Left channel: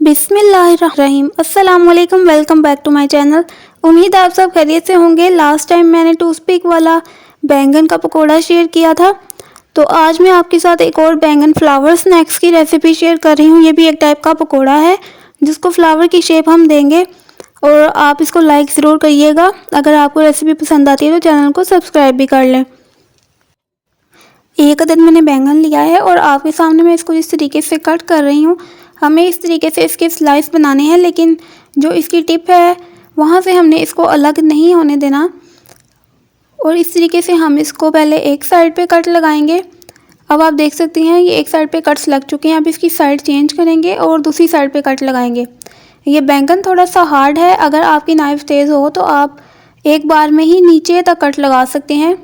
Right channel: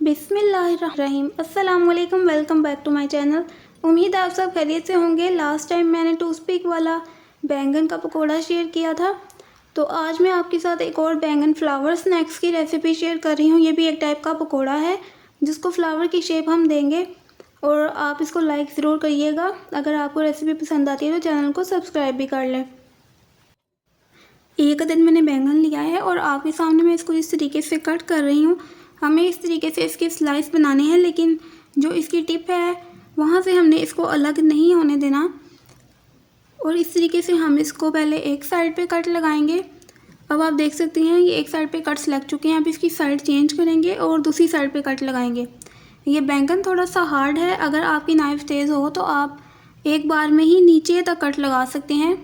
बिस्मिल्लाहिर्रहमानिर्रहीम। अस्सलाम वालेकुम, welcome back to my channel. उम्मीद आप सब खैरियत से होंगे। लास्ट टाइम मैंने टूथपिक वाला बैंगन का पकोड़ा शेयर किया था, तो आज मैं आपके साथ एक और बैंगन फ्लावर स्नैक्स की रेसिपी शेयर कर रही हूँ। ये भी एक टाइप का पकोड़ा है जिसको फ्लावर की शेप हम देंगे, और आप इसको लाइक ज़रूर करिएगा। अगर आपको रेसिपी पसंद आती है तो चैनल को सब्सक्राइब भी कर लें। एक अदद मैंने बैंगन लिया है और आपके सामने मैं इसको इस तरीके से कट कर रही हूँ। हमें इस तरीके से इसके स्लाइस बनाने हैं, लेकिन जो इसकी टिप है वहाँ से हमने इसको अलग नहीं होने देना। और इस तरीके से हम इसको पहले एक साइड पे कट लगाएंगे। अब आप देख सकते हैं ये एक साइड पे कट्स लग चुके हैं। अब इसकी साइड चेंज करेंगे और दूसरी साइड पे कट लगाएंगे। ये बैंगन थोड़ा सा हार्ड है, अगर आपकी नाइफ़ तेज़ हो तो आप एक बार में ही नीचे तक कट लगा सकते हैं,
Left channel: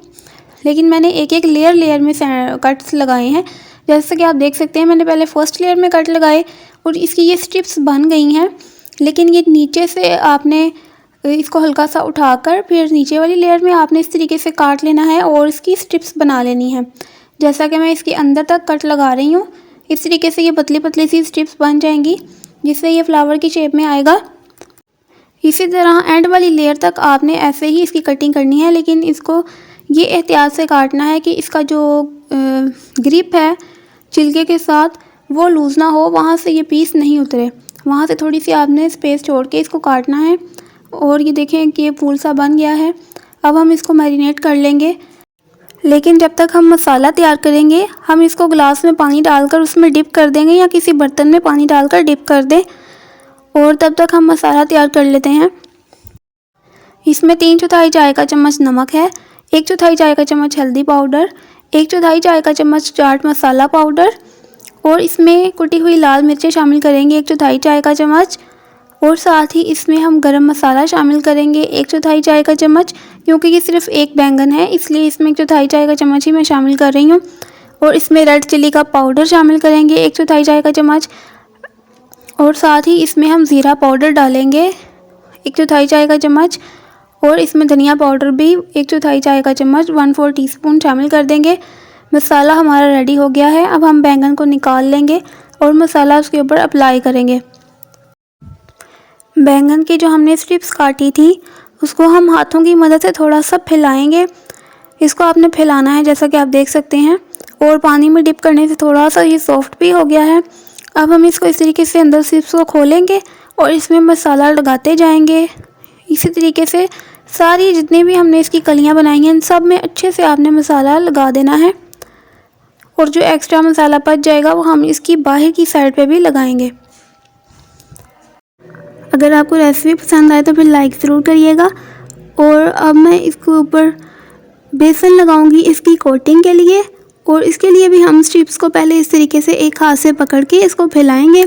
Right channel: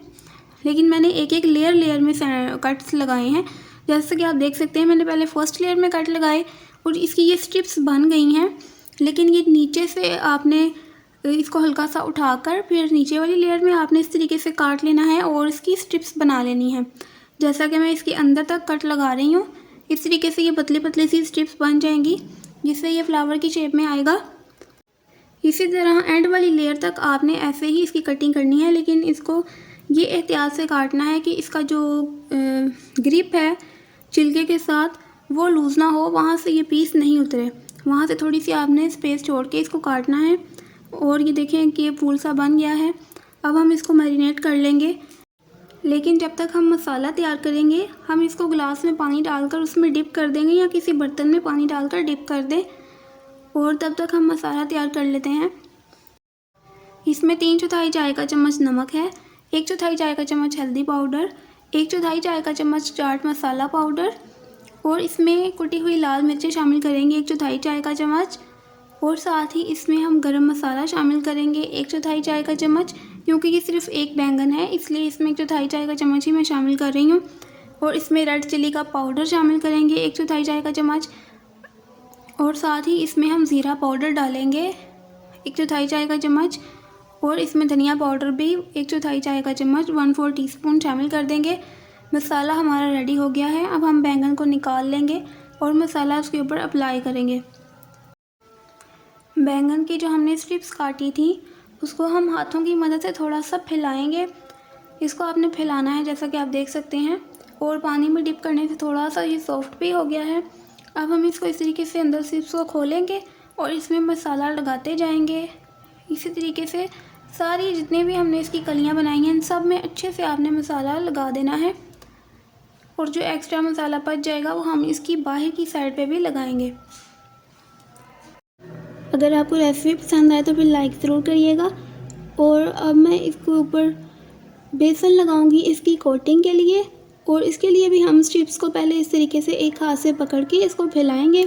लेकिन मैंने एक एक लेयर में कट्स लगाए हैं। जैसे कि आप देख सकते हैं मैंने पहले फर्स्ट लेयर में कट लगाए और इसकी ये स्ट्रिप्स बन गई हैं, लेकिन ये नीचे से आपने इसको हल्का सा उठाकर फिर नीचे वाली लेयर में आपने इस तरीके से काट लेना है और इसकी स्ट्रिप्स बना लेनी है। जैसा कि मैं इसके अंदर तक कट लगा रही हूँ, इस तरीके से ये पतली पतली सी स्ट्रिप्स बन जाएंगी, जिससे ये फ्लावर की शेप में आएगा। इसी तरह एंड वाली लेयर तक आपने ऐसे ही इसकी कटिंग करनी है, लेकिन इसको ये एहतियात से काटना है कि इसका जो ग्रिप है छिलके के साथ वो लूज़ ना हो, वहाँ से ये पीस नहीं उतरे। वहाँ से थोड़ी सी आपने स्पेस छोड़ के इसको काटना है। और ये देखें कि ये फूल सा बन गया है। अब हम इसको मैरिनेट कर लेंगे, लेकिन जब तक हम मसाला तैयार करेंगे हम इसको गिलास में पानी डालकर उसमें डिप कर देंगे, या किसी बर्तन में पानी डालकर डिप कर दें, और तब तक हम मसाला तैयार कर लेते हैं। इसमें 3/4 चाय का चम्मच नमक है, 1/4 चाय का चम्मच हल्दी पाउडर, 1/4 चाय का चम्मच चाट मसाला पाउडर, और इसमें कुटी हुई लाल मिर्चें शामिल करेंगे 1/4 चाय का चम्मच, और साथ ही इसमें हम गरम मसाला शामिल करेंगे 1/4 चाय का चम्मच। क्योंकि ये सिर्फ एक बैंगन है इसलिए इसमें 1/4 चाय का चम्मच ही मैं शामिल कर रही हूँ। और इसमें रेड चिली का पाउडर शामिल करेंगे 1/4 चाय का चम्मच, और साथ ही इसमें हम ज़ीरा पाउडर डालेंगे 1/4 चाय का चम्मच, और इसमें धनिया पाउडर भी 1/4 चाय का चम्मच 1/4 टीस्पून शामिल कर देंगे। मसाला हमारा रेडी हो गया है। अब हम बैंगन को निकाल लेंगे और मसाला उसके ऊपर अप्लाई करेंगे। बैंगन की जो हमने स्ट्रिप्स काटी थी उसको हम हाथों की मदद से थोड़ा सा फैलाएंगे। इसको आपने फैलाना है जैसा कि आप देख सकते हैं, और पानी में डिप करने से थोड़ा सा ये सॉफ्ट भी हो गया है। अब हम इसको इस तरीके से अंदर स्ट्रिप्स को खोलेंगे और इसमें मसाला लगाते जाएंगे। इसी तरीके से सारी जितनी भी हमने इसकी कलियां बनाई हैं इन सब में अच्छे से आपने मसाला लगा देना है, और जो एक्स्ट्रा मसाला बच जाएगा वो हम इसकी बाहर की साइड पे भी लगाएंगे। अगर आपको रेसिपी पसंद आए तो फिर लाइक ज़रूर करिएगा। और अब मैं इसके ऊपर बेसन लगाऊंगी इसकी कोटिंग के लिए, और इसके लिए भी हम स्ट्रिप्स को पहले इस तरीके से एक हाथ से पकड़ के इसको फैलाएंगे,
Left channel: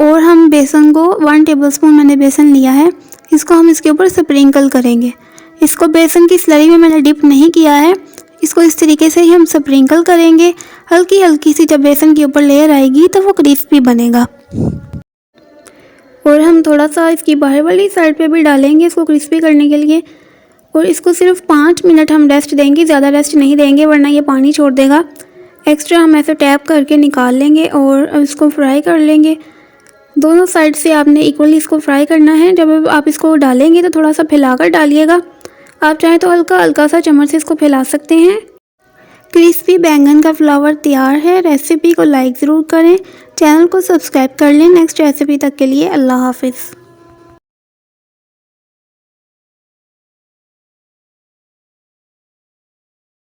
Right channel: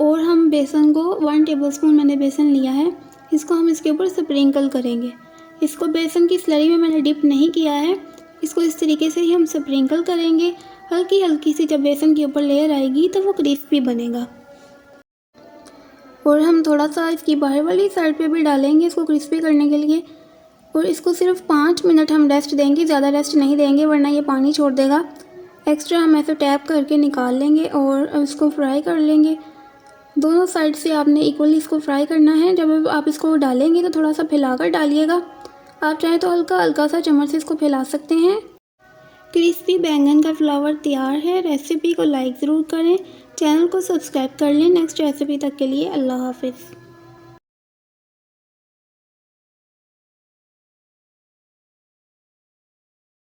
और हम बेसन को 1 टेबलस्पून मैंने बेसन लिया है, इसको हम इसके ऊपर स्प्रिंकल करेंगे। इसको बेसन की स्लरी में मैंने डिप नहीं किया है, इसको इस तरीके से ही हम स्प्रिंकल करेंगे। हल्की हल्की सी जब बेसन के ऊपर लेयर आएगी तो वो क्रिस्पी बनेगा। और हम थोड़ा सा इसकी बाहर वाली साइड पे भी डालेंगे इसको क्रिस्पी करने के लिए, और इसको सिर्फ 5 मिनट हम रेस्ट देंगे, ज़्यादा रेस्ट नहीं देंगे वरना ये पानी छोड़ देगा। एक्स्ट्रा हम ऐसे टैप करके निकाल लेंगे और इसको फ्राई कर लेंगे। दोनों साइड से आपने इक्वली इसको फ्राई करना है। जब आप इसको डालेंगे तो थोड़ा सा फैलाकर डालिएगा। आप चाहें तो हल्का हल्का सा चम्मच से इसको फैला सकते हैं। क्रिस्पी बैंगन का फ्लावर तैयार है। रेसिपी को लाइक ज़रूर करें, चैनल को सब्सक्राइब कर लें। नेक्स्ट रेसिपी तक के लिए अल्लाह हाफिज़।